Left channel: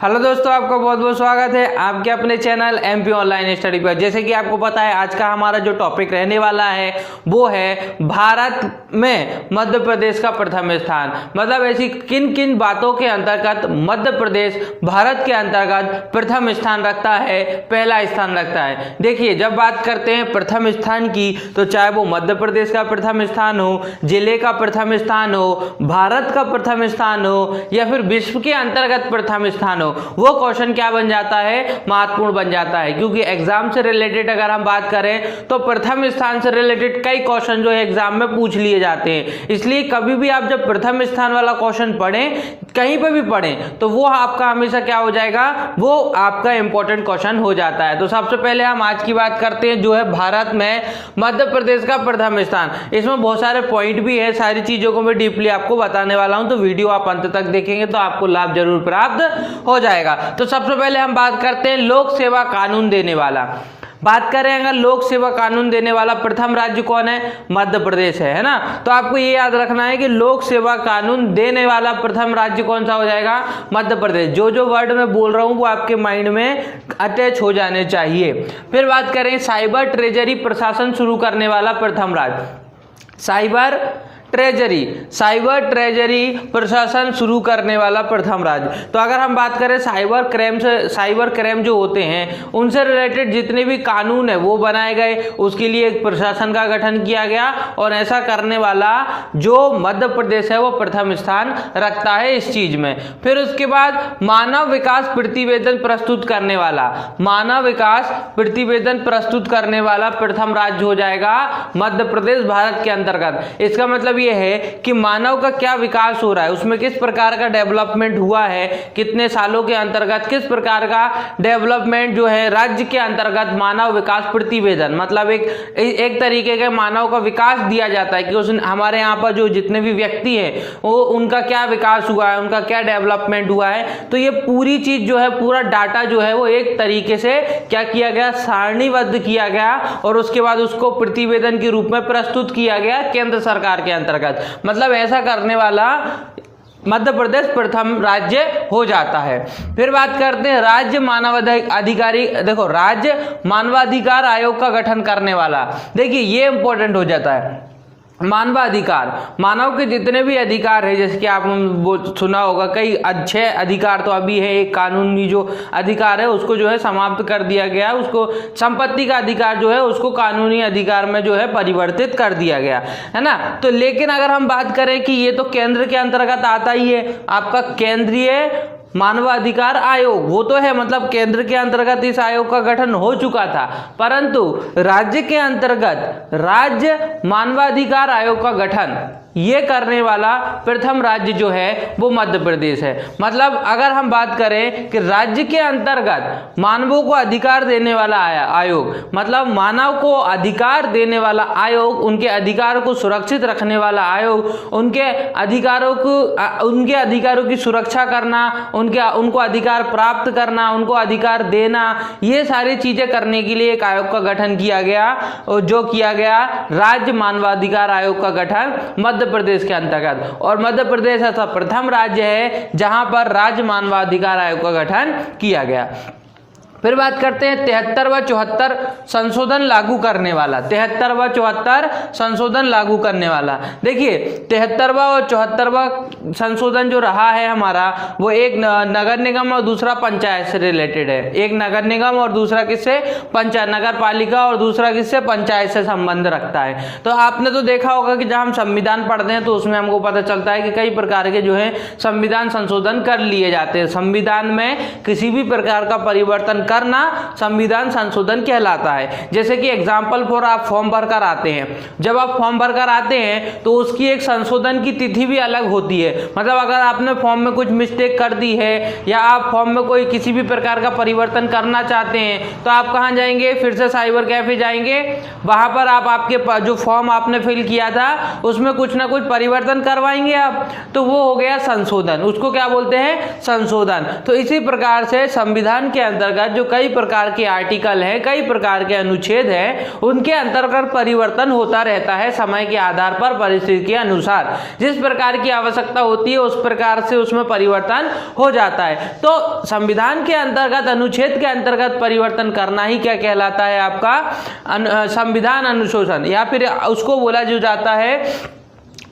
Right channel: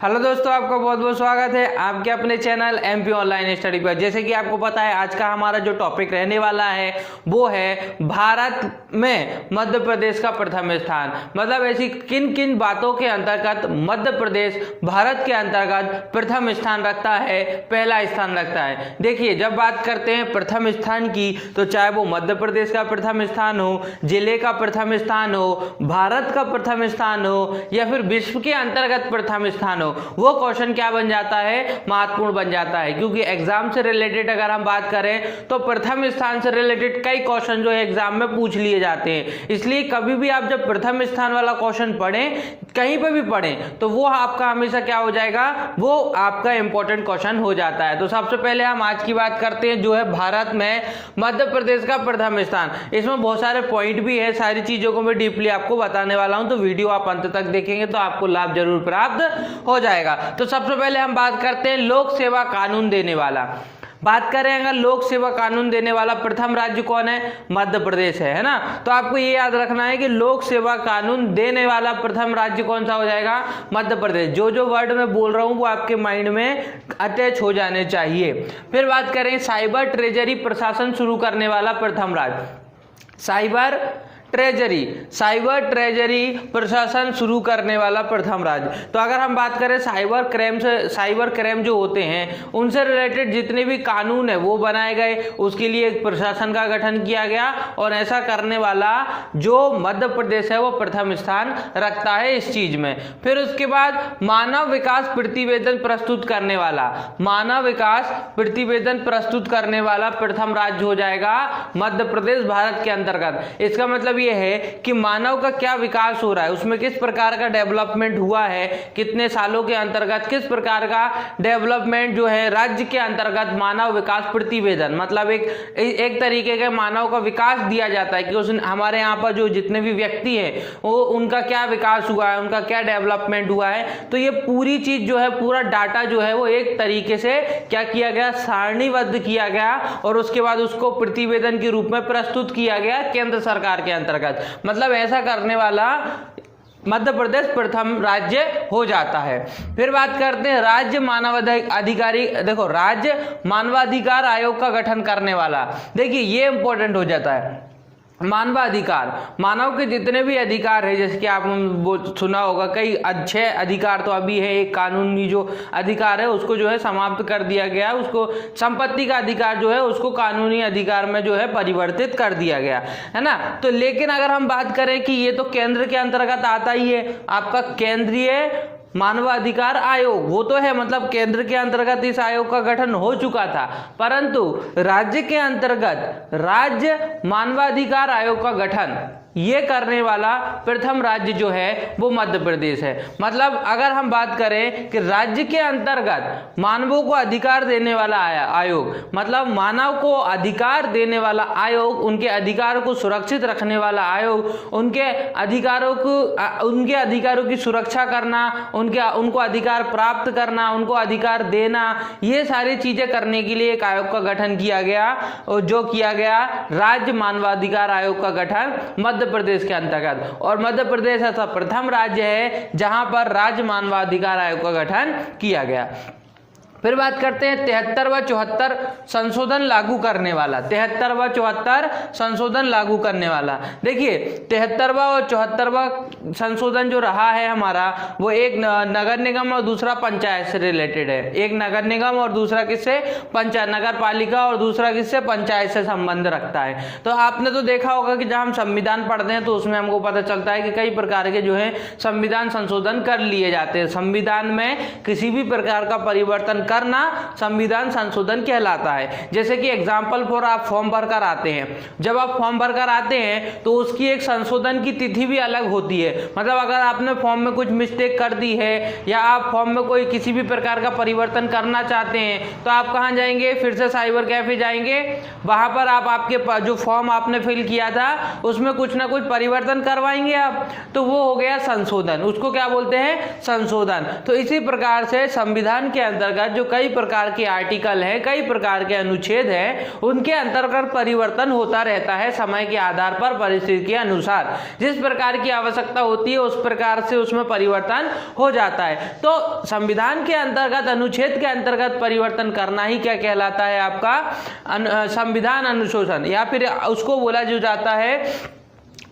Hello दोस्तों, आपका बहुत बहुत स्वागत है आपके अपने चैनल एमपी ऑनलाइन स्टडी पर। जैसे कि आपको पता है आज का हमारा जो टॉपिक रहने वाला है वो है भारत में मध्य प्रदेश का प्रथम स्थान। मतलब ऐसी किन किन बातों के अंतर्गत मध्य प्रदेश भारत के अंतर्गत प्रथम स्थान रखता है, पहला स्थान रखता है। देखिए, जब बात करते हैं प्रथम स्थान की तो चाहे वो मध्य प्रदेश का प्रथम स्थान हो, जिले का प्रथम स्थान हो, भारत का प्रथम स्थान हो या फिर विश्व के अंतर्गत प्रथम स्थान हो, वो क्वेश्चन क्या बन जाता है, महत्वपूर्ण बन जाता है। क्योंकि एग्जाम से रिलेटेड अगर हम बात करें तो प्रथम स्थान से रिलेटेड कई क्वेश्चन जो है एग्जाम में पूछ लिए जाते हैं। इसलिए कभी भी आप जब प्रथम स्थान वाला क्वेश्चन पढ़ें, कहीं पर भी पढ़ें, तो वो आपका हमेशा क्या हो जाएगा, वो आपका इंपॉर्टेंट क्वेश्चन हो जाता है। तो सबसे पहले हम आज की बात करते हैं जो है भारत में मध्य प्रदेश का प्रथम स्थान। इसमें बहुत सारे पॉइंट भी है, सारी चीजों को मैं डीपली आपको बताने वाला हूं, तो वीडियो आप अंत तक देखेंगे तो आपको लाभ जरूर प्राप्त हो जाएगा। तो सबसे पहले हम बात करते हैं लोक सेवा कानून देने वाला। बात करें अगर लोक सेवा कानून देने वाला प्रथम राज्य कौन है, मध्य प्रदेश है ना। तो आपको ये याद रखना है कि लोक सेवा कानून देने वाला प्रथम राज्य कौन सा हो जाएगा, मध्य प्रदेश। जो जो वर्ड मैं बोल रहा हूं वो आपके माइंड में अटैच हो जाने चाहिए। फिर बात करें साइबर ट्रेजरी प्रशासन शुरू करने वाला प्रथम राज्य, साइबर ट्रेजरी प्रशासन शुरू करने वाला प्रथम राज्य। तो अगर हम बात करें साइबर क्राइम जो होते हैं उनसे रिलेटेड जितने भी कानून है वो बनाए गए, उसके लिए एक प्रशासन का गठन किया गया और ऐसा करने वाला जो मध्य प्रदेश है वो प्रथम स्थान रखता है इस चीज में। फिर उसके बाद मानव विकास प्रतिवेदन प्रस्तुत करने वाला प्रथम राज्य हो जाएगा मध्य प्रदेश भारत के अंतर्गत। इसका मतलब ये है कि मानव का क्या विकास हो रहा है, उसमें किस प्रकार का डेवलपमेंट हुआ है, कितने सालों के अंतर्गत किस प्रकार का डेवलपमेंट जो है राज्य के अंतर्गत मानव विकास प्रतिवेदन, मतलब एक तरीके का मानव का विकास दिया जाता है कि उस हमारे यहाँ पर जो जितने भी व्यक्ति हैं वो उनका क्या विकास हुआ है, उनका क्या डेवलपमेंट हुआ है। तो ये पूरी चीज जो है, पूरा डाटा जो है वो एक तरीके से क्या किया गया, सारणीबद्ध किया गया और उसके बाद उसको प्रतिवेदन के रूप में प्रस्तुत किया गया केंद्र सरकार के अंतर्गत। मतलब ऐसा करने वाला मध्य प्रदेश प्रथम राज्य हो जाता है। फिर बात करते हैं राज्य मानवाधिकार आयोग का गठन करने वाला। देखिए ये इंपॉर्टेंट हो जाता है। मानवाधिकार, मानव के जितने भी अधिकार है, जैसे कि आप सुना होगा कई अच्छे अधिकार तो अभी है, एक कानूनी जो अधिकार है उसको जो है समाप्त कर दिया गया, उसको संपत्ति का अधिकार जो है उसको कानूनी अधिकार में जो है परिवर्तित कर दिया गया है ना। तो लेकिन अगर हम बात करें कि ये तो केंद्र के अंतर्गत आता ही है, आपका केंद्रीय मानवाधिकार आयोग वो तो है, मतलब केंद्र के अंतर्गत इस आयोग का गठन हो चुका था, परंतु राज्य के अंतर्गत राज्य मानवाधिकार आयोग का गठन ये करने वाला प्रथम राज्य जो है वो मध्य प्रदेश है। मतलब अगर हम बात करें कि राज्य के अंतर्गत मानवों को अधिकार देने वाला आयोग, मतलब मानव को अधिकार देने वाला आयोग, उनके अधिकारों को सुरक्षित रखने वाला आयोग, उनके अधिकारों की सुरक्षा करना, उनको अधिकार प्राप्त करना, उनको अधिकार देना, ये सारी चीजें करने के लिए एक आयोग का गठन किया गया और जो किया गया राज्य मानवाधिकार आयोग का गठन मध्य प्रदेश के अंतर्गत। और मध्य प्रदेश ऐसा प्रथम राज्य है जहां पर राज्य मानवाधिकार आयोग का गठन किया गया। फिर बात करते हैं 73 व 74 संशोधन लागू करने वाला। 73 व 74 संशोधन लागू करने वाला। देखिए 73वां और 74वां संशोधन जो रहा है हमारा वो एक नगर निगम और दूसरा पंचायत से रिलेटेड है। एक नगर निगम और दूसरा किससे, पंचायत, नगर पालिका और दूसरा किससे, पंचायत से संबंध रखता है। तो आपने तो देखा होगा कि जब हम संविधान पढ़ते हैं तो उसमें हमको पता चलता है कि कई प्रकार के जो है संविधान संशोधन कर लिए जाते हैं। संविधान में किसी भी प्रकार का परिवर्तन करना संविधान संशोधन कहलाता है। जैसे कि एग्जाम्पल फॉर आप फॉर्म भरकर आते हैं, जब आप फॉर्म भरकर आते हैं तो उसकी एक संशोधन की तिथि भी अलग होती है। मतलब अगर आपने फॉर्म में कुछ मिस्टेक कर दी है या आप फॉर्म में कोई किसी भी प्रकार का परिवर्तन करना चाहते हैं तो आप कहां जाएंगे, फिर से साइबर कैफे जाएंगे, वहां पर आप आपके जो फॉर्म आपने फिल किया था उसमें कुछ ना कुछ परिवर्तन करवाएंगे आप, तो वो हो गया संशोधन। उसको क्या बोलते हैं, संशोधन। तो इसी प्रकार से संविधान के अंतर्गत जो कई प्रकार के आर्टिकल हैं, कई प्रकार के अनुच्छेद हैं, उनके अंतर्गत परिवर्तन होता रहता है समय के आधार पर, परिस्थिति के अनुसार। जिस प्रकार की आवश्यकता होती है उस प्रकार से उसमें परिवर्तन हो जाता है। तो संविधान के अंतर्गत, अनुच्छेद के अंतर्गत परिवर्तन करना ही क्या कहलाता है? आपका संविधान अनुशोधन, या फिर उसको बोला जो जाता है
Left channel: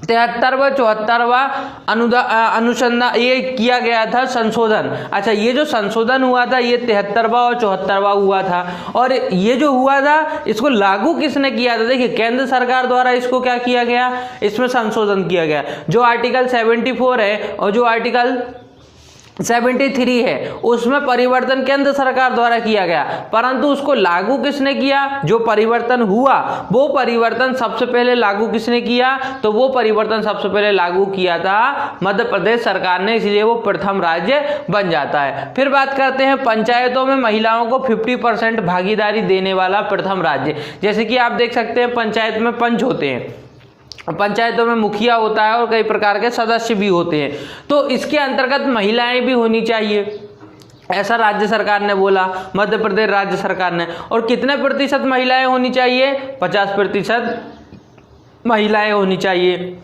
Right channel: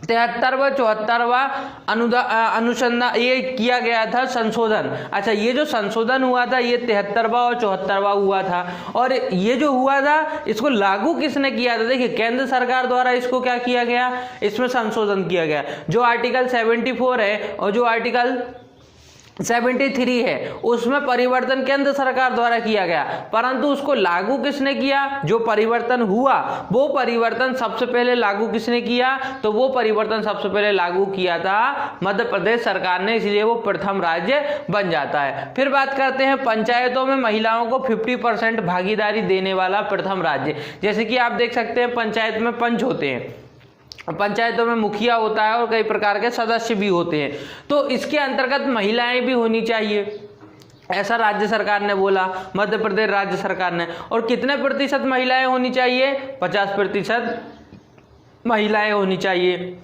73वां 74वां अनुसंधान, ये किया गया था संशोधन। अच्छा, ये जो संशोधन हुआ था ये 73वां और 74वां हुआ था, और ये जो हुआ था इसको लागू किसने किया था? देखिए, केंद्र सरकार द्वारा इसको क्या किया गया, इसमें संशोधन किया गया। जो आर्टिकल 74 है और जो आर्टिकल 73 है उसमें परिवर्तन केंद्र सरकार द्वारा किया गया, परंतु उसको लागू किसने किया? जो परिवर्तन हुआ वो परिवर्तन सबसे पहले लागू किसने किया? तो वो परिवर्तन सबसे पहले लागू किया था मध्य प्रदेश सरकार ने, इसलिए वो प्रथम राज्य बन जाता है। फिर बात करते हैं पंचायतों में महिलाओं को 50% भागीदारी देने वाला प्रथम राज्य। जैसे कि आप देख सकते हैं पंचायत में पंच होते हैं, पंचायतों में मुखिया होता है और कई प्रकार के सदस्य भी होते हैं, तो इसके अंतर्गत महिलाएं भी होनी चाहिए, ऐसा राज्य सरकार ने बोला, मध्य प्रदेश राज्य सरकार ने। और कितने प्रतिशत महिलाएं होनी चाहिए? 50% महिलाएं होनी चाहिए।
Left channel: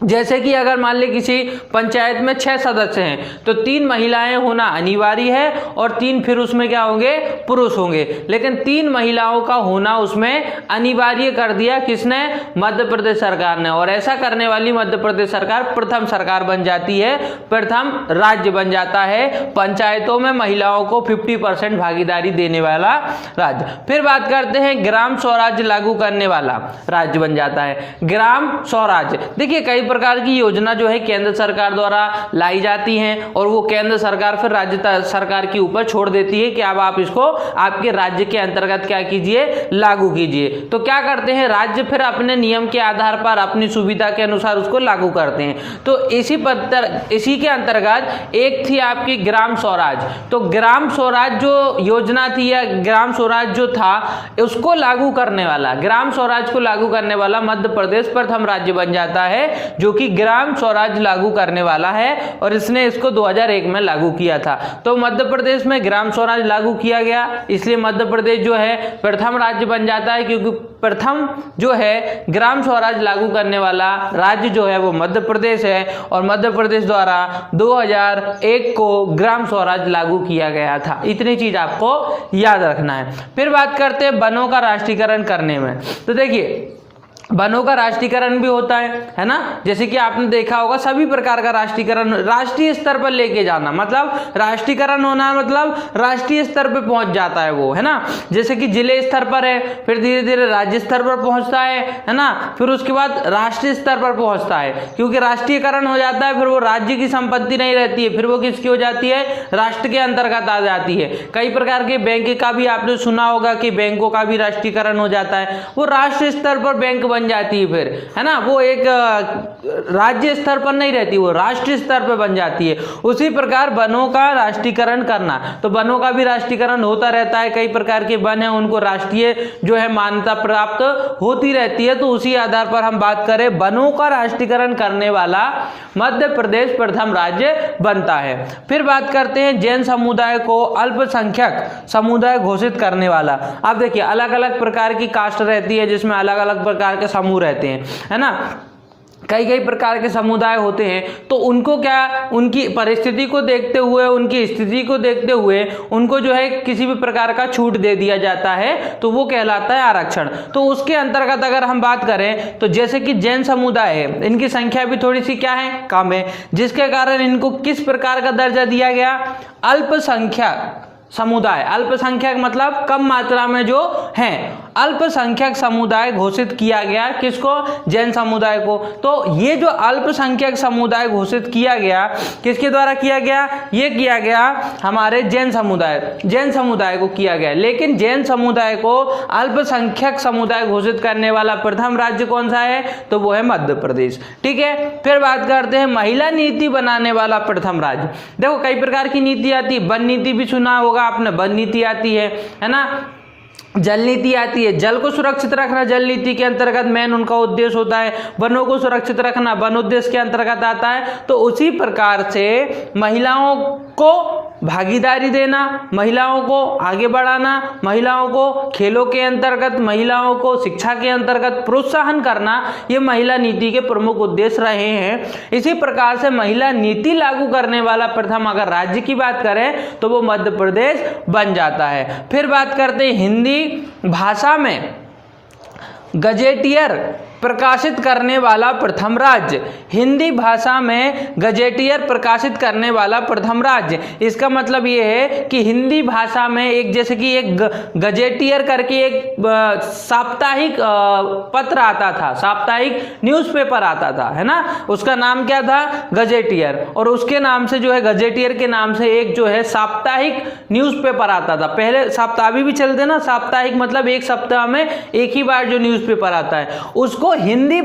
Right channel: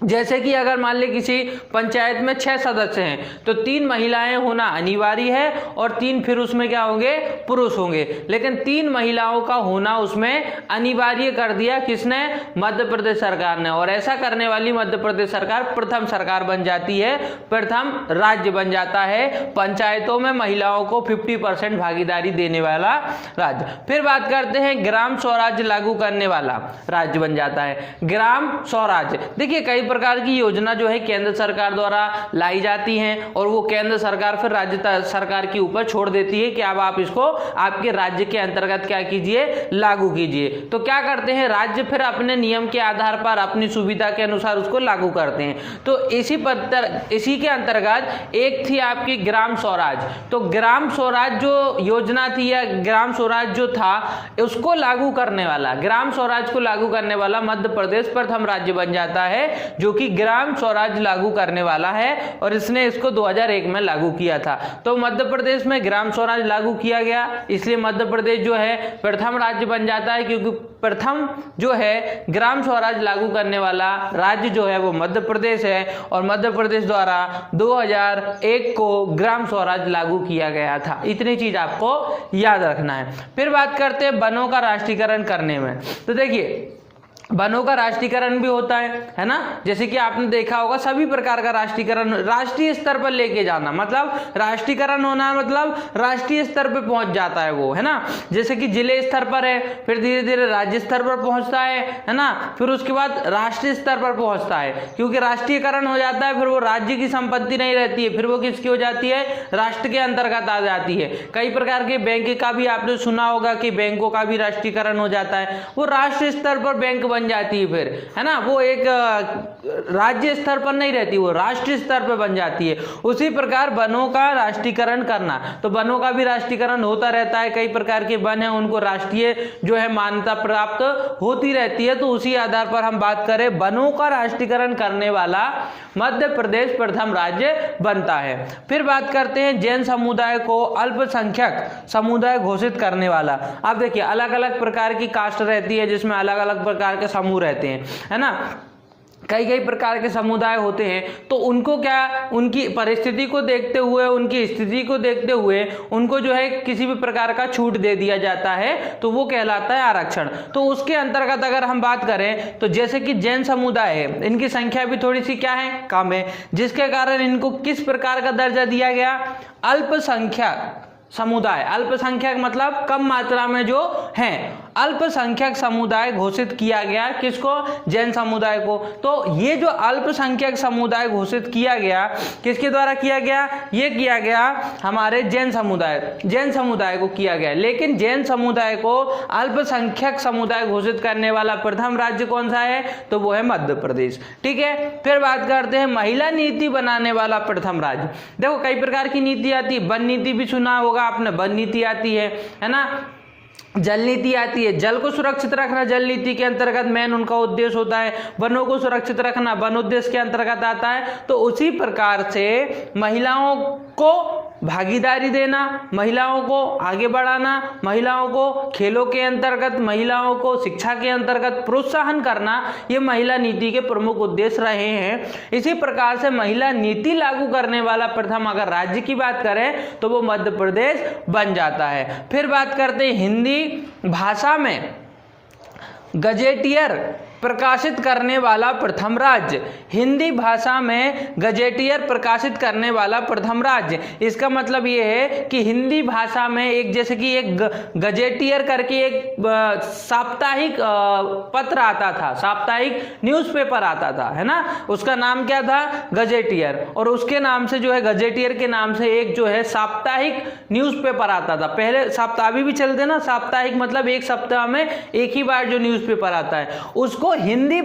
जैसे कि अगर मान लीजिए किसी पंचायत में 6 सदस्य हैं तो 3 महिलाएं होना अनिवार्य है और 3 फिर उसमें क्या होंगे? पुरुष होंगे। लेकिन 3 महिलाओं का होना उसमें अनिवार्य कर दिया किसने? मध्य प्रदेश सरकार ने। और ऐसा करने वाली मध्य प्रदेश सरकार प्रथम सरकार बन जाती है, प्रथम राज्य बन जाता है पंचायतों में महिलाओं को 50% भागीदारी देने वाला राज्य। फिर बात करते हैं ग्राम स्वराज्य लागू करने वाला राज्य बन जाता है ग्राम स्वराज्य। देखिए, कई प्रकार की योजना जो है केंद्र सरकार द्वारा लाई जाती हैं और वो केंद्र सरकार फिर राज्य सरकार के ऊपर छोड़ देती है कि अब आप इसको आपके राज्य के अंतर्गत क्या कीजिए? लागू कीजिए। तो क्या करते हैं? राज्य फिर अपने नियम के आधार पर अपनी सुविधा के अनुसार उसको लागू करते हैं। तो इसी के अंतर्गत एक थी आपकी ग्राम स्वराज। तो ग्राम स्वराज जो योजना थी या ग्राम स्वराज जो था उसको लागू करने वाला, ग्राम स्वराज को लागू करने वाला मध्य प्रदेश प्रथम राज्य बन जाता है जो कि ग्राम स्वराज लागू करने वाला है, और इसने इसको 2001 में लागू किया था। तो मध्य प्रदेश में ग्राम स्वराज लागू किया गया, इसलिए मध्य प्रदेश जो है प्रथम राज्य बन जाता है, क्योंकि प्रथम जो है ग्राम स्वराज लागू करने वाला राज्य जो है वो मध्य प्रदेश है, और मध्य प्रदेश द्वारा 2001 को ग्राम स्वराज लागू किया गया था। इतनी चीज आपको याद रखना है। फिर बात करते हैं वनों का राष्ट्रीयकरण करने में। तो देखिए, वनों का राष्ट्रीयकरण भी होता है ना, जैसे कि आपने देखा होगा सभी प्रकार का राष्ट्रीयकरण राष्ट्रीय स्तर पर लेके जाना, मतलब राष्ट्रीयकरण होना मतलब राष्ट्रीय स्तर पर पहुंच जाता है वो, है ना। जैसे कि जिले स्तर पर है, फिर धीरे धीरे राज्य स्तर पर पहुंचता है ना, फिर उसके बाद राष्ट्रीय स्तर पर पहुंचता है, क्योंकि राष्ट्रीयकरण हो जाता है, फिर वो राज्य की संपत्ति नहीं रहती है, फिर वो किसकी हो जाती है? राष्ट्र के अंतर्गत आ जाती है। कई प्रकार के बैंक का भी आपने सुना होगा कि बैंकों का भी राष्ट्रीयकरण हो जाता है, वो राष्ट्रीय स्तर पर बैंक बन जाती है फिर, है ना, वो एक राज्य स्तर पर नहीं रहती, वो राष्ट्रीय स्तर पर बन जाती है। उसी प्रकार वनों का राष्ट्रीयकरण करना, तो वनों का भी राष्ट्रीयकरण होता रहता है, कई प्रकार के वन है उनको राष्ट्रीय जो है मान्यता प्राप्त होती रहती है। तो उसी आधार पर हम बात करें, वनों का राष्ट्रीयकरण करने वाला मध्य प्रदेश प्रथम राज्य बनता है। फिर बात करते हैं जैन समुदाय को अल्पसंख्यक समुदाय घोषित करने वाला। अब देखिए, अलग अलग प्रकार की कास्ट रहती है जिसमें अलग अलग प्रकार के समूह रहते हैं, है ना, कई कई प्रकार के समुदाय होते हैं। तो उनको क्या, उनकी परिस्थिति को देखते हुए, उनकी स्थिति को देखते हुए उनको जो है किसी भी प्रकार का छूट दे दिया जाता है, तो वो कहलाता है आरक्षण। तो उसके अंतर्गत अगर हम बात करें तो जैसे कि जैन समुदाय है, इनकी संख्या भी थोड़ी सी क्या है? कम है, जिसके कारण इनको किस प्रकार का दर्जा दिया गया? अल्पसंख्यक समुदाय। अल्पसंख्यक मतलब कम मात्रा में जो हैं, अल्पसंख्यक समुदाय घोषित किया गया किसको? जैन समुदाय को। तो ये जो अल्पसंख्यक समुदाय घोषित किया गया किसके द्वारा किया गया? ये किया गया हमारे जैन समुदाय को किया गया। लेकिन जैन समुदाय को अल्पसंख्यक समुदाय घोषित करने वाला प्रथम राज्य कौन सा है? तो वो है मध्य प्रदेश। ठीक है, फिर बात करते हैं महिला नीति बनाने वाला प्रथम राज्य। देखो, कई प्रकार की नीति आती है, वन नीति भी सुना होगा आपने, वन नीति आती है ना, जल नीति आती है, जल को सुरक्षित रखना जल नीति के अंतर्गत मेन उनका उद्देश्य होता है, वनों को सुरक्षित रखना वन उद्देश्य के अंतर्गत आता है। तो उसी प्रकार से महिलाओं को भागीदारी देना, महिलाओं को आगे बढ़ाना, महिलाओं को खेलों के अंतर्गत, महिलाओं को शिक्षा के अंतर्गत प्रोत्साहन करना, ये महिला नीति के प्रमुख उद्देश्य रहे हैं। इसी प्रकार से महिला नीति लागू करने वाला प्रथम अगर राज्य की बात करें तो वो मध्य प्रदेश बन जाता है। फिर बात करते हैं हिंदी भाषा में गजेटियर प्रकाशित करने वाला प्रथम राज्य। हिंदी भाषा में गजेटियर प्रकाशित करने वाला प्रथम राज्य, इसका मतलब ये है कि हिंदी भाषा में एक जैसे कि एक गजेटियर करके एक साप्ताहिक पत्र आता था, साप्ताहिक न्यूज़पेपर आता था, है ना, उसका नाम क्या था, गजेटियर। और उसके नाम से जो है गजेटियर के नाम से एक जो है साप्ताहिक न्यूज़पेपर आता था। पहले सप्ताह भी चलते ना, साप्ताहिक मतलब एक सप्ताह में एक ही बार जो न्यूज़पेपर आता है, उसको हिंदी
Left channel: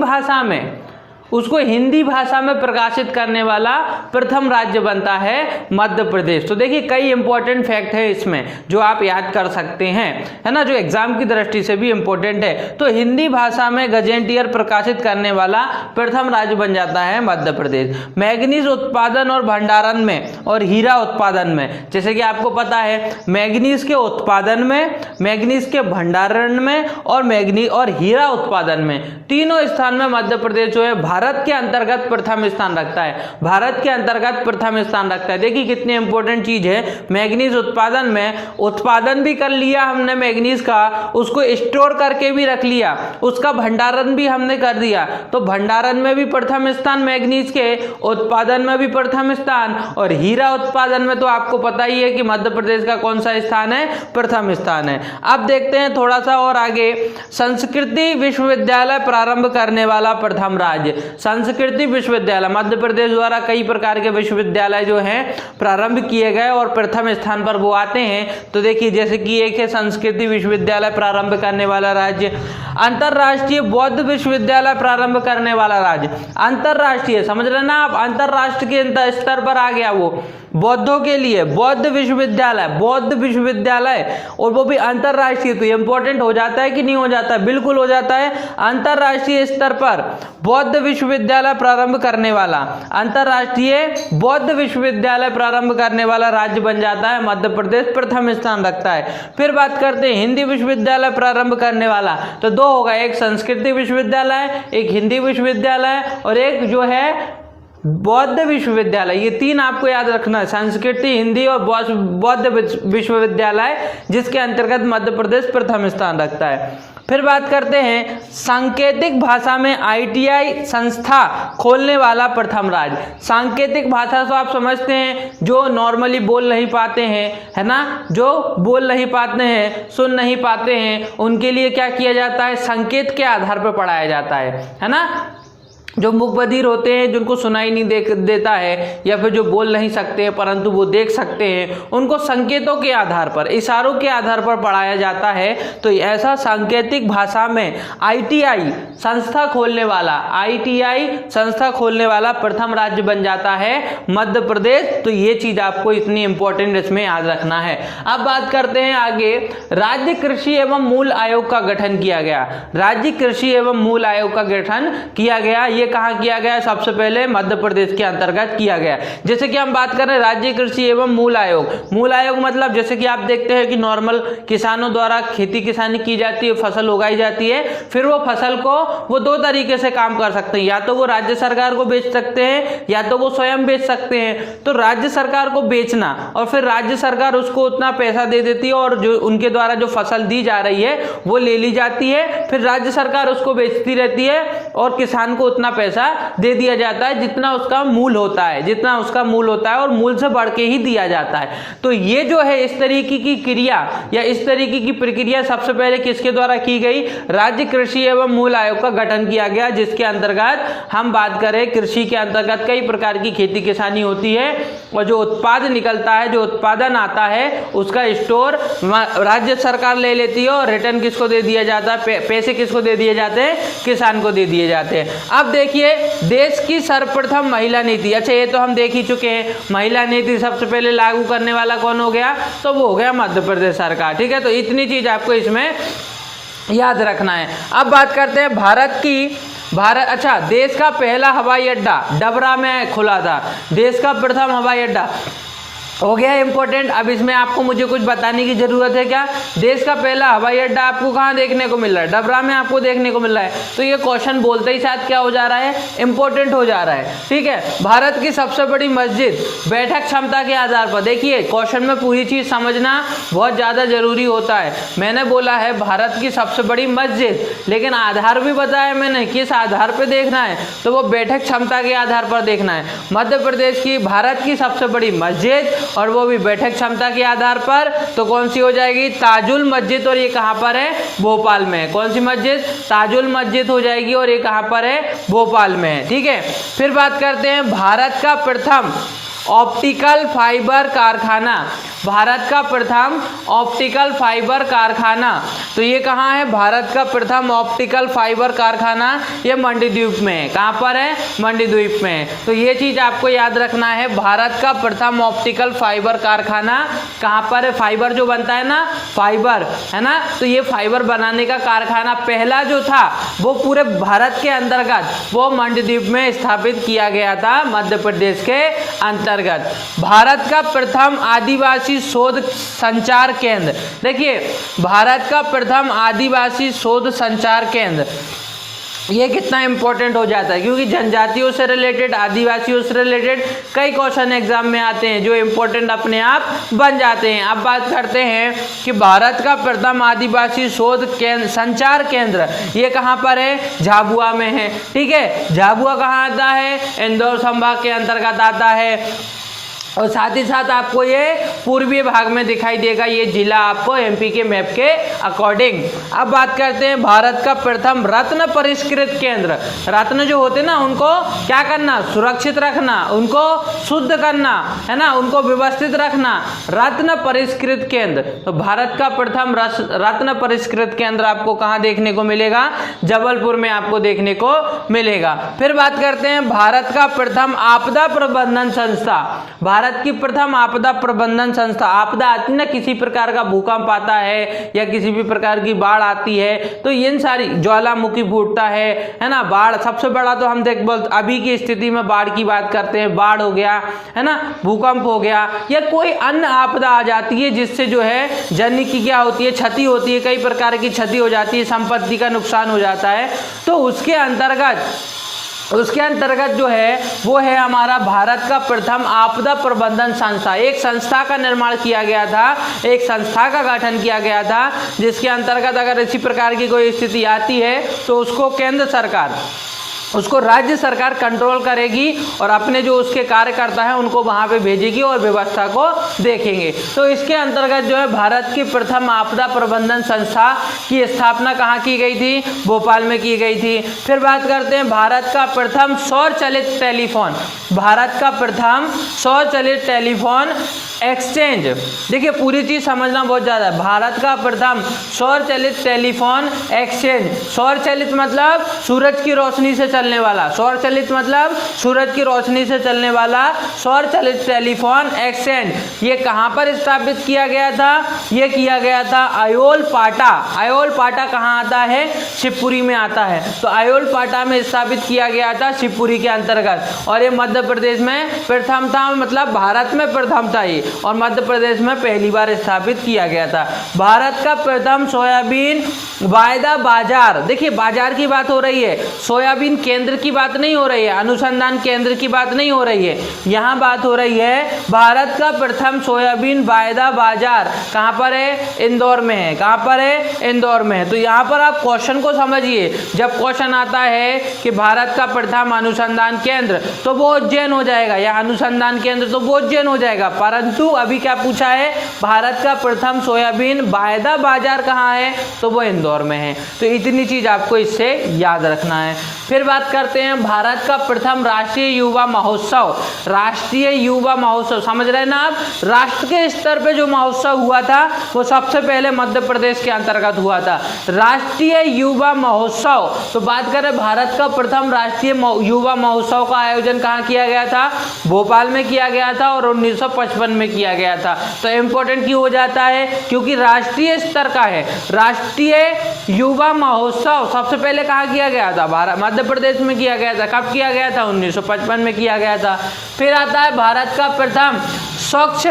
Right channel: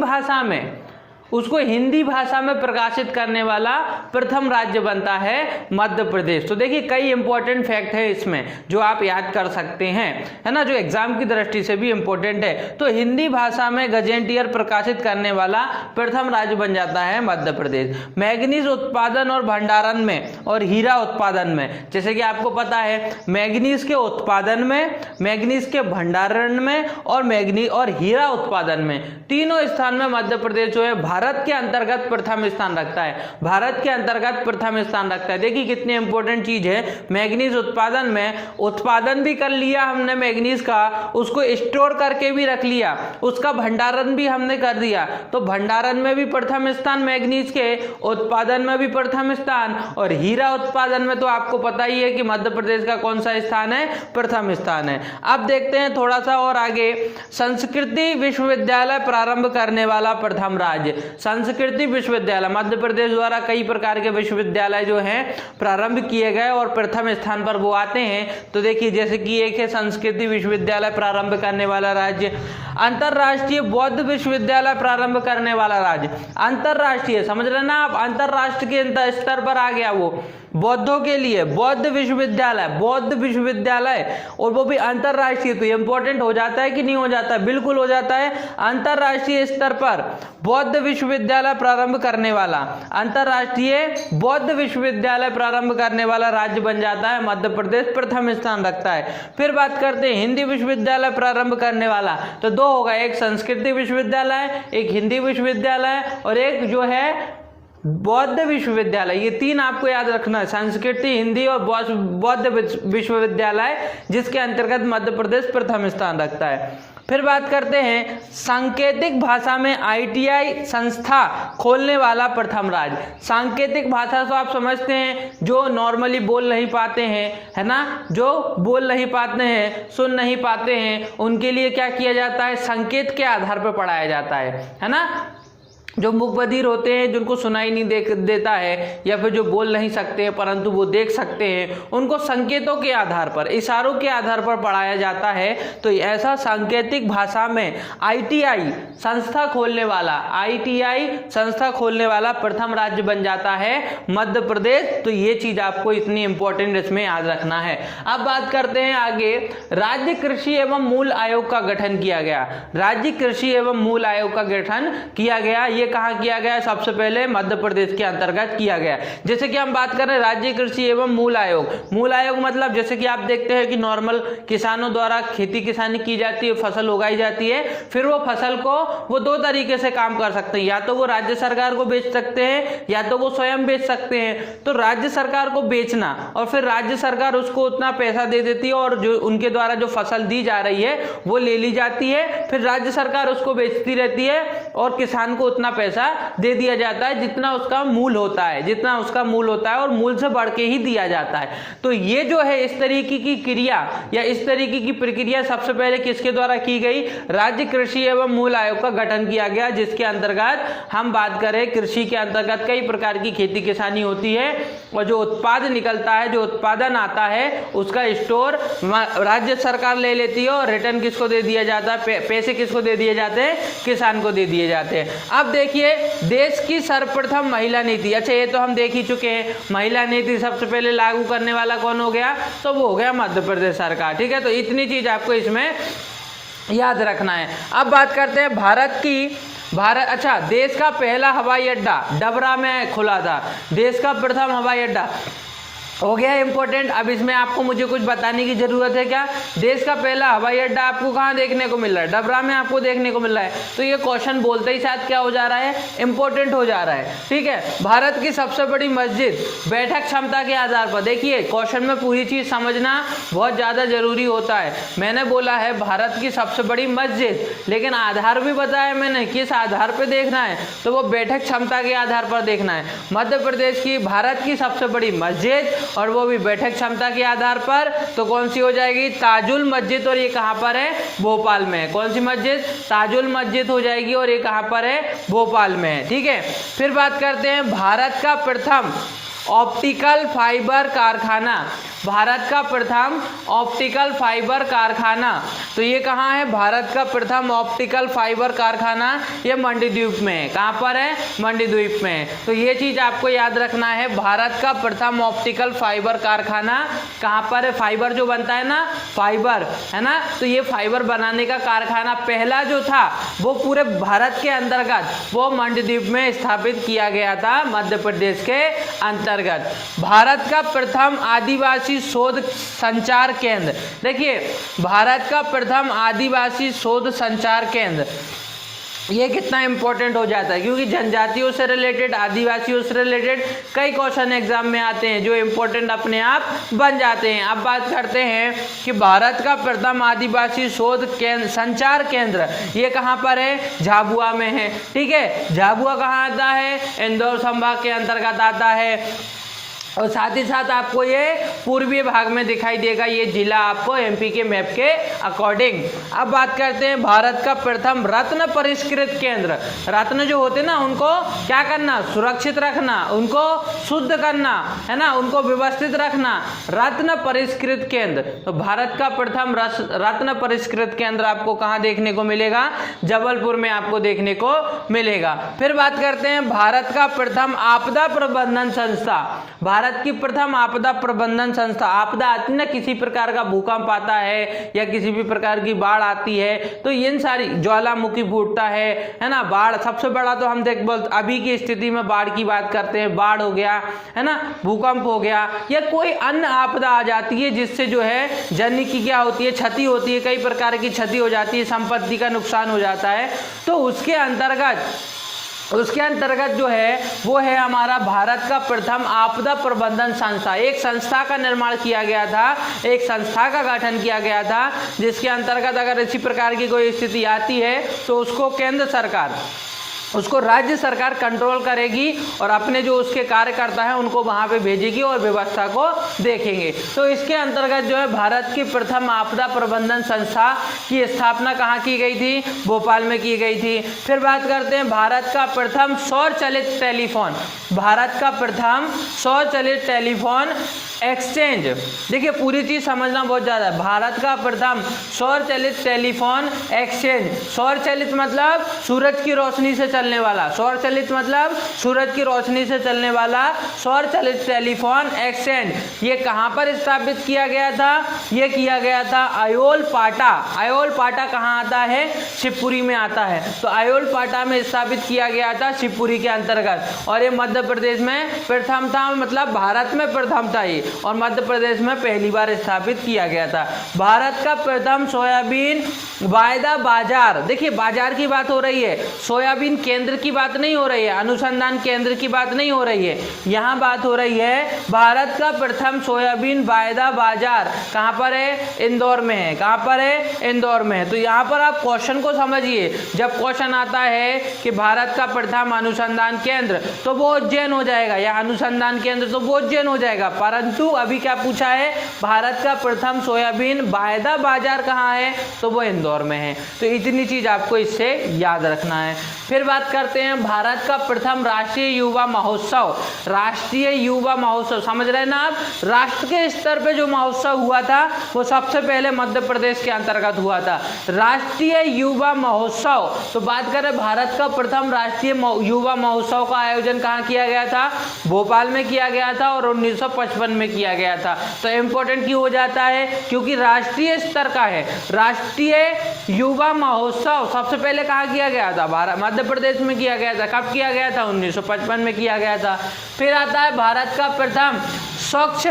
भाषा में प्रकाशित करने वाला प्रथम राज्य बनता है मध्य प्रदेश। तो देखिए कई इंपॉर्टेंट फैक्ट है इसमें जो आप याद कर सकते हैं, है ना, जो एग्जाम की दृष्टि से भी इंपॉर्टेंट है। तो हिंदी भाषा में गजेटियर प्रकाशित करने वाला प्रथम राज्य बन जाता है मध्य प्रदेश। मैग्नीज उत्पादन और भंडारण में और हीरा उत्पादन में, जैसे कि आपको पता है मैग्नीज के उत्पादन में, मैग्नीज के भंडारण में और मैग्नीज और हीरा उत्पादन में, तीनों स्थान में मध्य प्रदेश जो है भारत के अंतर्गत प्रथम स्थान रखता है, भारत के अंतर्गत प्रथम स्थान रखता है। देखिए कितनी इंपॉर्टेंट चीज है, मैग्नीज उत्पादन में उत्पादन भी कर लिया हमने मैग्नीज का, उसको स्टोर करके भी रख लिया, उसका भंडारण भी हमने कर दिया, तो भंडारण में भी प्रथम स्थान मैग्नीज के, उत्पादन में भी प्रथम स्थान, और हीरा उत्पादन में तो आपको पता ही है कि मध्य प्रदेश का कौन सा स्थान है, प्रथम स्थान है। अब देखते हैं थोड़ा सा और आगे, संस्कृति विश्वविद्यालय प्रारंभ करने वाला प्रथम राज्य। संस्कृति विश्वविद्यालय, मध्य प्रदेश द्वारा कई प्रकार के विश्वविद्यालय जो हैं प्रारंभ किए गए और प्रथम स्थान पर वो आते हैं। तो देखिए जैसे कि एक है संस्कृति विश्वविद्यालय प्रारंभ करने वाला राज्य, अंतरराष्ट्रीय बौद्ध विश्वविद्यालय प्रारंभ करने वाला राज्य। अंतरराष्ट्रीय समझ रहे ना आप, अंतरराष्ट्रीय के स्तर पर आ गया वो, बौद्धों के लिए बौद्ध विश्वविद्यालय, बौद्ध विश्वविद्यालय, और वो भी अंतरराष्ट्रीय। तो इंपॉर्टेंट हो जाता है कि नहीं हो जाता है, बिल्कुल हो जाता है। अंतरराष्ट्रीय स्तर पर बौद्ध विश्वविद्यालय प्रारंभ करने वाला, अंतरराष्ट्रीय बौद्ध विश्वविद्यालय प्रारंभ करने वाला राज्य बन जाता है मध्य प्रदेश, प्रथम स्थान रखता है। फिर बात करते हैं हिंदी विश्वविद्यालय प्रारंभ करने वाला, तो दो होगा, एक संस्कृति विश्वविद्यालय, एक हिंदी विश्वविद्यालय, और एक जो है बौद्ध विश्वविद्यालय। ये तीन आपको याद रखना है, संस्कृति, हिंदी और बौद्ध विश्वविद्यालय, जिसके अंतर्गत मध्य प्रदेश प्रथम स्थान रखता है। फिर बात करते हैं सांकेतिक भाषा में ITI संस्था खोलने वाला प्रथम राज्य। सांकेतिक भाषा तो आप समझते हैं जो नॉर्मली बोल नहीं पाते हैं, है ना, जो बोल नहीं पाते हैं, सुन नहीं पाते हैं, उनके लिए क्या किया जाता है, संकेत के आधार पर पढ़ाया जाता है ना। जो मूकबधिर होते हैं, जिनको सुनाई नहीं देता है, या फिर जो बोल नहीं सकते हैं परंतु वो देख सकते हैं, उनको संकेतों के आधार पर, इशारों के आधार पर पढ़ाया जाता है। तो ऐसा सांकेतिक भाषा में ITI संस्था खोलने वाला, ITI संस्था खोलने वाला प्रथम राज्य बन जाता है मध्य प्रदेश। तो ये चीज आपको इतनी इंपॉर्टेंट इसमें याद रखना है। अब बात करते हैं आगे, राज्य कृषि एवं मूल आयोग का गठन किया गया। राज्य कृषि एवं मूल आयोग का गठन किया गया, ये कहां किया गया, सबसे पहले मध्य प्रदेश के अंतर्गत किया गया। जैसे कि हम बात करें राज्य कृषि एवं मूल आयोग, मूल आयोग मतलब जैसे कि आप देखते हैं कि नॉर्मल किसानों द्वारा खेती किसानी की जाती है, फसल उगाई जाती है, फिर वो फसल को वो दो तरीके से काम कर सकते हैं, या तो वो राज्य सरकार को बेच सकते हैं या तो वो स्वयं बेच सकते हैं। तो राज्य सरकार को बेचना और फिर राज्य सरकार उसको उतना पैसा दे देती है और जो उनके द्वारा जो फसल दी जा रही है वो ले ली जाती है, फिर राज्य सरकार उसको बेचती रहती है और किसान को उतना पैसा दे दिया जाता है जितना उसका मूल होता है, जितना उसका मूल होता है, और मूल से बढ़ के ही दिया जाता है। तो ये जो है इस तरीके की क्रिया या इस तरीके की प्रक्रिया सबसे पहले किसके द्वारा की गई, राज्य कृषि एवं मूल आयोग का गठन किया गया, जिसके अंतर्गत हम बात करें कृषि के अंतर्गत कई प्रकार की खेती किसानी होती है और जो उत्पाद निकलता है, जो उत्पादन आता है, उसका स्टोर राज्य सरकार ले लेती है और रिटर्न किसको दे दिया जाता है, पैसे किसको दे दिए जाते हैं, किसान को दे दिए जाते हैं। अब देखिए देश की सर्वप्रथम महिला नीति, अच्छा ये तो हम देख ही चुके हैं, महिला नीति सबसे पहले लागू करने वाला कौन हो गया, तो वो हो गया मध्य प्रदेश सरकार। ठीक है, तो इतनी चीज आपको इसमें याद रखना है। अब बात करते हैं अच्छा देश का पहला हवाई अड्डा डबरा में खुला था, देश का प्रथम हवाई अड्डा हो गया इंपॉर्टेंट। अब इसमें आपको मुझे कुछ बताने की जरूरत है क्या? देश का पहला हवाई अड्डा आपको कहाँ देखने को मिल रहा है? डबरा में आपको देखने को मिल रहा है। तो ये क्वेश्चन बोलते ही साथ क्या हो जा रहा है? इंपॉर्टेंट हो जा रहा है। ठीक है, भारत की सबसे बड़ी मस्जिद बैठक क्षमता के आधार पर। देखिए क्वेश्चन में पूरी चीज समझना बहुत ज्यादा जरूरी होता है। मैंने बोला है भारत की सबसे बड़ी मस्जिद, लेकिन आधार भी बताया मैंने किस आधार पर देखना है, तो वो बैठक क्षमता के आधार पर देखना है। मध्य प्रदेश की भारत की सबसे बड़ी मस्जिद और वो भी बैठक क्षमता के आधार पर, तो कौन सी हो जाएगी? ताजुल मस्जिद। और ये कहाँ पर है? भोपाल में है। कौन सी मस्जिद? ताजुल मस्जिद हो जाएगी और ये कहाँ पर है? भोपाल में है। ठीक है, फिर बात करते हैं भारत का प्रथम ऑप्टिकल फाइबर कारखाना। भारत का प्रथम ऑप्टिकल फाइबर कारखाना, तो ये कहाँ है? भारत का प्रथम ऑप्टिकल फाइबर कारखाना ये मंडीद्वीप में है। कहाँ पर है? मंडीद्वीप में है। तो ये चीज आपको याद रखना है, भारत का प्रथम ऑप्टिकल फाइबर कारखाना कहाँ पर है? फाइबर जो बनता है ना, फाइबर है ना, तो ये फाइबर बनाने का कारखाना पहला जो था वो पूरे भारत के अंतर्गत वो मंडीद्वीप में स्थापित किया गया था, मध्य प्रदेश के अंतर्गत। भारत का प्रथम आदिवासी शोध संचार केंद्र। देखिए भारत का प्रथम आदिवासी शोध संचार केंद्र, ये कितना इंपॉर्टेंट हो जाता है, क्योंकि जनजातियों से रिलेटेड, आदिवासियों से रिलेटेड कई क्वेश्चन एग्जाम में आते हैं जो इंपॉर्टेंट अपने आप बन जाते हैं। अब बात करते हैं कि भारत का प्रथम आदिवासी शोध केंद्र संचार केंद्र ये कहाँ पर है? झाबुआ में है। ठीक है, झाबुआ कहाँ आता है? इंदौर संभाग के अंतर्गत आता है। और साथ ही साथ आपको ये पूर्वी भाग में दिखाई देगा ये जिला आपको एमपी के मैप के अकॉर्डिंग। अब बात करते हैं भारत का प्रथम रत्न परिष्कृत केंद्र। रत्न जो होते हैं ना उनको क्या करना? सुरक्षित रखना, उनको शुद्ध करना, है ना, उनको व्यवस्थित रखना। रत्न परिष्कृत केंद्र, तो भारत का प्रथम रत्न परिष्कृत केंद्र आपको कहाँ देखने को मिलेगा? जबलपुर में आपको देखने को मिलेगा। फिर बात करते हैं भारत का प्रथम आपदा प्रबंधन संस्था। भारत की प्रथम आपदा प्रबंधन संस्था, आपदा आती ना, किसी प्रकार का भूकंप आता है या किसी भी प्रकार की बाढ़ आती है, तो इन सारी ज्वालामुखी फूटता है ना, बाढ़ सबसे बड़ा तो हम देख अभी की स्थिति में बाढ़ की बात करते हैं, बाढ़ हो गया है ना, भूकंप हो गया या कोई अन्य आपदा आ जाती है जिससे जो है जन की क्या होती है? क्षति होती है, कई प्रकार की क्षति हो जाती है, संपत्ति का नुकसान हो जाता है। तो उसके अंतर्गत जो है वो है हमारा भारत का प्रथम आपदा प्रबंधन संस्था। एक संस्था का निर्माण किया गया था, एक संस्था का गठन किया गया था जिसके अंतर्गत अगर इसी प्रकार की कोई स्थिति आती है तो उसको केंद्र सरकार, उसको राज्य सरकार कंट्रोल करेगी और अपने जो उसके कार्यकर्ता हैं उनको वहां पे भेजेगी और व्यवस्था को देखेंगे। तो इसके अंतर्गत जो है भारत की प्रथम आपदा प्रबंधन संस्था की स्थापना कहाँ की गई थी? भोपाल में की गई थी। फिर बात करते हैं भारत का प्रथम सौर चलित टेलीफोन। भारत का प्रथम सौर चलित टेलीफोन एक्सचेंज, देखिए पूरी चीज समझना बहुत ज्यादा है। भारत का प्रथम सौर चलित टेलीफोन एक्सचेंज, सौर चलित मतलब सूरज की रोशनी से चलने वाला, सौर चलित मतलब सूरज की रोशनी से चलने वाला सौर चलित टेलीफोन एक्सचेंज ये कहाँ पर स्थापित किया गया था? ये किया गया था अयोल पाटा। अयोल पाटा कहाँ आता है? शिवपुरी में आता है। तो अयोल पाटा में स्थापित किया गया था शिवपुरी के अंतर्गत, और ये मध्य प्रदेश में प्रथम था, मतलब भारत में प्रथम था ये, और मध्य प्रदेश में पहली बार स्थापित किया गया था। भारत का प्रथम सोयाबीन वायदा बाजार, देखिए बाजार की बात हो रही है, सोयाबीन केंद्र की बात नहीं हो रही है, अनुसंधान केंद्र की बात नहीं हो रही है, यहाँ बात हो रही है भारत का प्रथम सोयाबीन वायदा बाजार कहाँ पर है? इंदौर में है। कहाँ पर है? इंदौर में है। तो यहाँ पर आप क्वेश्चन को समझिए, जब क्वेश्चन आता है कि भारत का प्रथम अनुसंधान केंद्र तो वो उज्जैन हो जाएगा, या अनुसंधान केंद्र तो वो उज्जैन हो जाएगा, परंतु अभी क्या पूछा है? भारत का प्रथम सोयाबीन वायदा बाजार कहाँ है? तो वो इंदौर में है। तो इतनी चीज आपको इससे याद रखना है। फिर बात करते हैं भारत का प्रथम राष्ट्रीय युवा महोत्सव। राष्ट्रीय युवा महोत्सव समझ रहे हैं ना आप? राष्ट्र के स्तर पे जो महोत्सव हुआ था वो सबसे पहले मध्य प्रदेश के अंतर्गत हुआ था, राष्ट्रीय युवा महोत्सव। तो बात करें भारत का प्रथम राष्ट्रीय युवा महोत्सव का आयोजन कहाँ किया गया था? भोपाल में किया गया था और 1955 में किया गया था। तो इम्पोर्टेंट क्यों हो जाता है? क्योंकि राष्ट्रीय स्तर का है। राष्ट्रीय युवा महोत्सव सबसे पहले कहाँ किया गया था? मध्य प्रदेश में किया गया था। कब किया गया था? 1955 में किया गया था। फिर आता है भारत का प्रथम स्वच्छ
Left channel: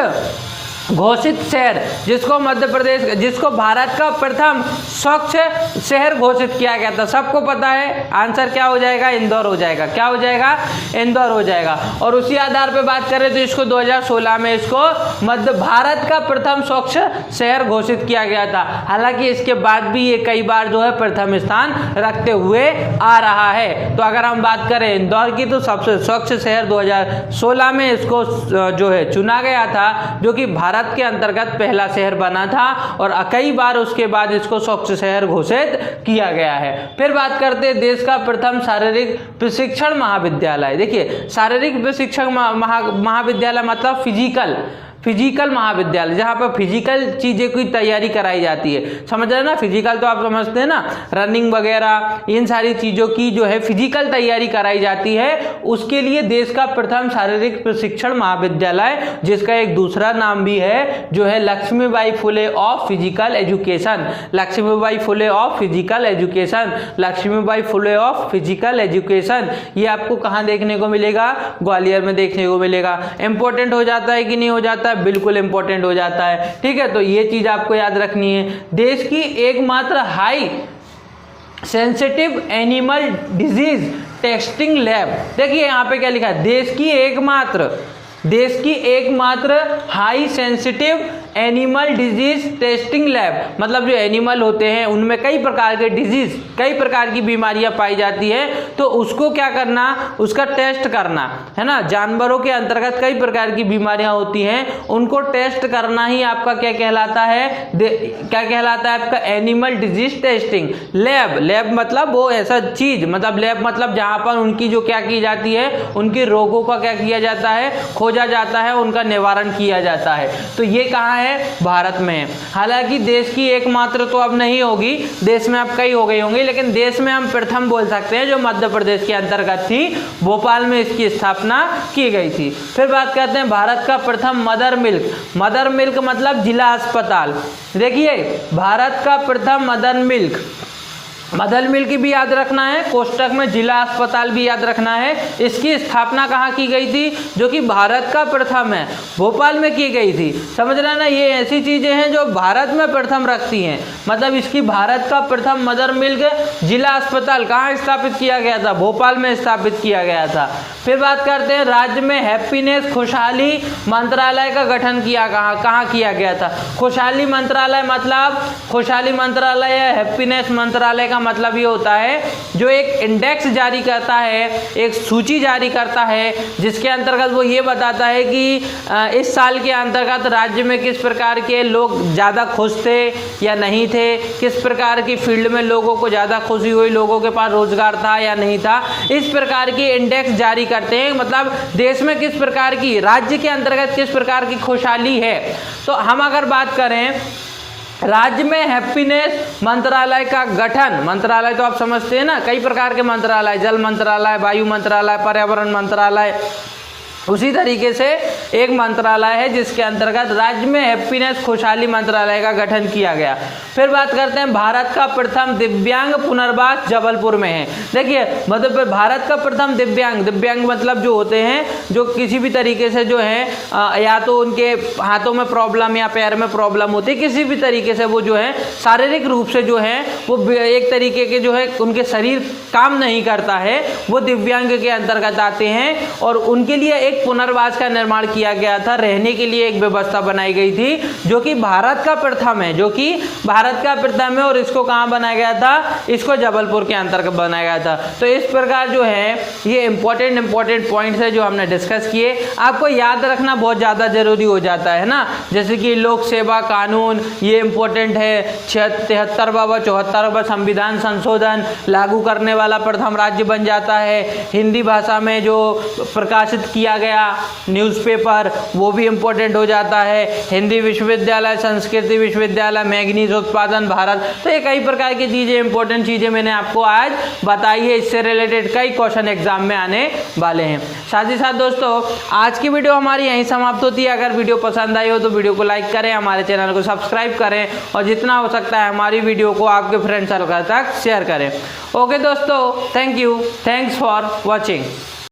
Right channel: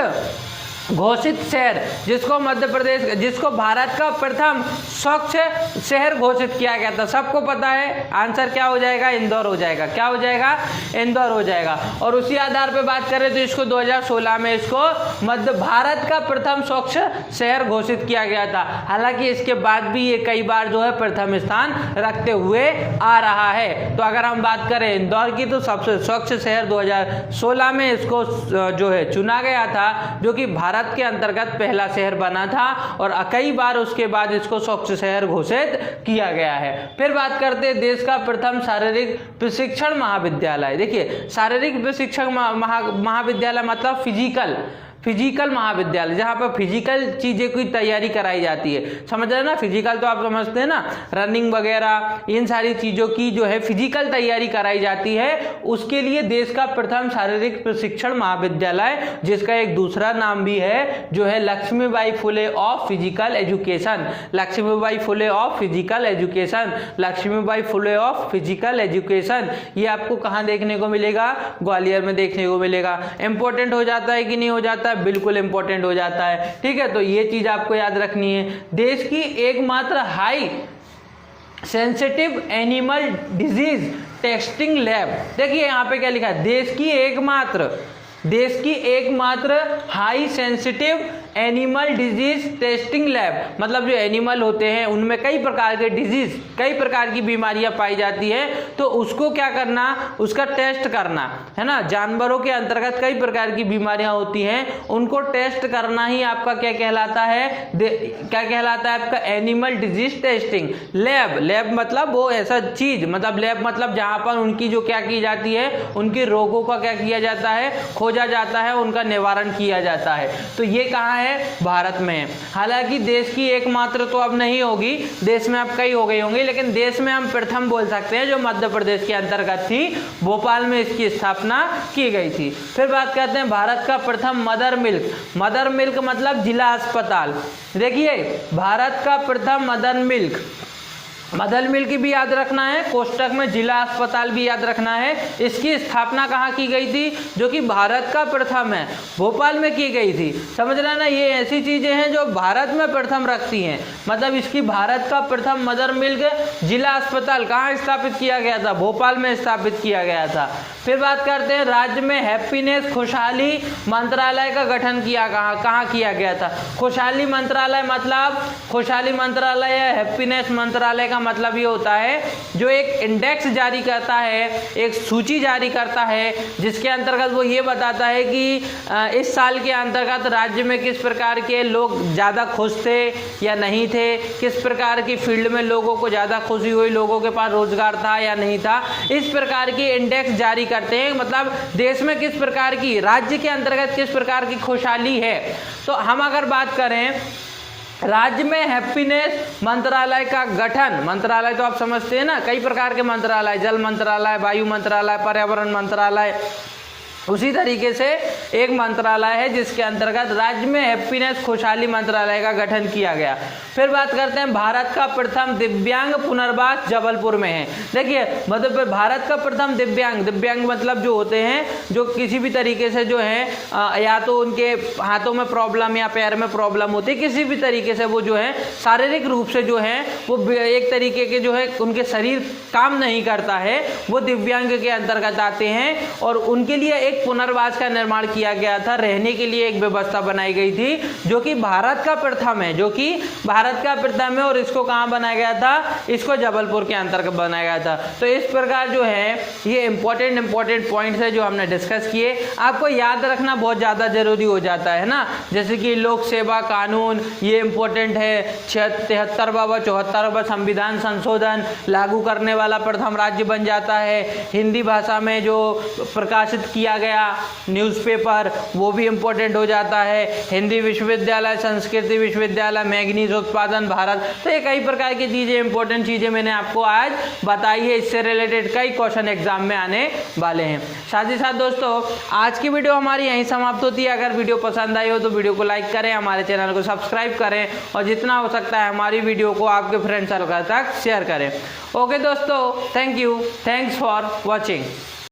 घोषित शहर, जिसको मध्य प्रदेश, जिसको भारत का प्रथम स्वच्छ शहर घोषित किया गया था। सबको पता है आंसर क्या हो जाएगा, इंदौर हो जाएगा। क्या हो जाएगा, इंदौर हो जाएगा। और उसी आधार पे बात करें तो इसको 2016 में इसको मध्य भारत का प्रथम स्वच्छ शहर घोषित किया गया था। हालांकि इसके बाद भी ये कई बार जो है प्रथम स्थान रखते हुए आ रहा है। तो अगर हम बात करें इंदौर की तो सबसे स्वच्छ शहर 2016 में इसको जो है चुना गया था, जो कि भारत के अंतर्गत पहला शहर बना था और कई बार उसके बाद इसको स्वच्छ शहर घोषित किया गया है। फिर बात करते हैं देश का प्रथम शारीरिक प्रशिक्षण महाविद्यालय। देखिए शारीरिक प्रशिक्षण महाविद्यालय मतलब फिजिकल महाविद्यालय, जहाँ पर फिजिकल चीज़ें की तैयारी कराई जाती है। समझ रहे हैं ना, फिजिकल तो आप समझते हैं ना, रनिंग वगैरह इन सारी चीज़ों की जो है फिजिकल तैयारी कराई जाती है। उसके लिए देश का प्रथम शारीरिक प्रशिक्षण महाविद्यालय, जिसका एक दूसरा नाम भी है जो है Lakshmibai Phule of physical education. Lakshmibai Phule of physical education, Lakshmibai Phule of physical education, ये आपको कहाँ देखने को मिलेगा, ग्वालियर में देखने को मिलेगा। इंपॉर्टेंट हो जाता है कि नहीं हो जाता, बिल्कुल इंपॉर्टेंट हो जाता है। ठीक है, तो ये चीज आपको याद रखनी है। देश की एकमात्र high sensitive animal disease testing lab, देखिए यहाँ पे क्या लिखा है, देश की एकमात्र high sensitive animal disease testing lab, मतलब जो एनिमल होते हैं उनमें कई प्रकार के डिजीज, कई प्रकार की बीमारियां पाई जाती है, तो उसको क्या करना, उसका टेस्ट करना है ना। जानवरों के अंतर्गत कई प्रकार की बीमारियां होती हैं, उनको टेस्ट करना ही आपका क्या कहलाता है, क्या कहलाता है आपका animal disease testing lab. Lab मतलब वो ऐसा चीज, मतलब लैब मतलब जहां पर उनकी जो क्या की जाती है, उनके रोगों का क्या किया जाता है, खोजा जाता है, उनका निवारण किया जाता है। तो ये कहाँ है, भारत में। हालांकि देश की एकमात्र तो अब नहीं होगी, देश में अब कई हो गई होंगी, लेकिन देश में हम प्रथम बोल सकते हैं, जो मध्य प्रदेश के अंतर्गत थी, भोपाल में इसकी स्थापना की गई थी। फिर बात करते हैं भारत का प्रथम मदर मिल्क मतलब जिला अस्पताल। देखिए भारत का प्रथम मदर मिल्क भी याद रखना है, कोष्टक में जिला अस्पताल भी याद रखना है। इसकी स्थापना कहाँ की गई थी, जो कि भारत का प्रथम है, भोपाल में की गई थी। समझ रहे ना, ये ऐसी चीजें हैं जो भारत में प्रथम रखती हैं। मतलब इसकी भारत का प्रथम मदर मिल्क जिला अस्पताल कहाँ स्थापित किया गया था, भोपाल में स्थापित किया गया था। फिर बात करते हैं राज्य में हैप्पीनेस खुशहाली मंत्रालय का गठन कहाँ किया गया था। खुशहाली मंत्रालय मतलब, खुशहाली मंत्रालय या हैप्पीनेस मंत्रालय का मतलब ये होता है जो एक इंडेक्स जारी करता है, एक सूची जारी करता है, जिसके अंतर्गत वो ये बताता है कि इस साल के अंतर्गत राज्य में किस प्रकार के लोग ज़्यादा खुश थे या नहीं थे, किस प्रकार की फील्ड में लोगों को ज़्यादा खुशी हुई, लोगों के पास रोजगार था या नहीं था, इस प्रकार की इंडेक्स जारी करते हैं। मतलब देश में किस प्रकार की, राज्य के अंतर्गत किस प्रकार की खुशहाली है। तो हम अगर बात करें राज्य में हैप्पीनेस मंत्रालय का गठन, मंत्रालय तो आप समझते हैं ना, कई प्रकार के मंत्रालय, जल मंत्रालय, वायु मंत्रालय, पर्यावरण मंत्रालय, उसी तरीके से एक मंत्रालय है जिसके अंतर्गत राज्य में हैप्पीनेस खुशहाली मंत्रालय का गठन किया गया। फिर बात करते हैं भारत का प्रथम दिव्यांग पुनर्वास जबलपुर में है। देखिए मतलब भारत का प्रथम दिव्यांग मतलब जो होते हैं, जो किसी भी तरीके से जो है या तो उनके हाथों में प्रॉब्लम या पैर में प्रॉब्लम होती है, किसी भी तरीके से वो जो है शारीरिक रूप से जो है वो एक तरीके के जो है उनके शरीर काम नहीं करता है, वो दिव्यांग के अंतर्गत आते हैं और उनके लिए एक पुनर्वास का निर्माण किया गया था, रहने के लिए एक व्यवस्था बनाई गई थी, जो कि भारत का प्रथम है, और इसको कहाँ बनाया गया था, इसको जबलपुर के अंतर्गत बनाया गया था। तो इस प्रकार जो है ये इंपॉर्टेंट पॉइंट्स है जो हमने डिस्कस किए, आपको याद रखना बहुत ज़्यादा जरूरी हो जाता है ना। जैसे कि लोक सेवा कानून, ये इंपॉर्टेंट है, 74वां संविधान संशोधन लागू करने वाला प्रथम राज्य बन जाता है। हिंदी भाषा में जो प्रकाशित किया गया न्यूज़पेपर वो भी इम्पोर्टेंट हो जाता है। हिंदी विश्वविद्यालय, संस्कृति विश्वविद्यालय, मैंगनीज उत्पादन भारत, तो ये कई प्रकार की चीज़ें, इंपॉर्टेंट चीज़ें मैंने आपको आज बताई है। इससे रिलेटेड कई क्वेश्चन एग्जाम में आने वाले हैं। साथ ही साथ दोस्तों आज की वीडियो हमारी यहीं समाप्त होती है। अगर वीडियो पसंद आई हो तो वीडियो को लाइक करें, हमारे चैनल को सब्सक्राइब करें और जितना हो सकता है हमारी वीडियो को आपके फ्रेंड सर्कल तक शेयर करें। ओके दोस्तों, thank you, thanks for watching.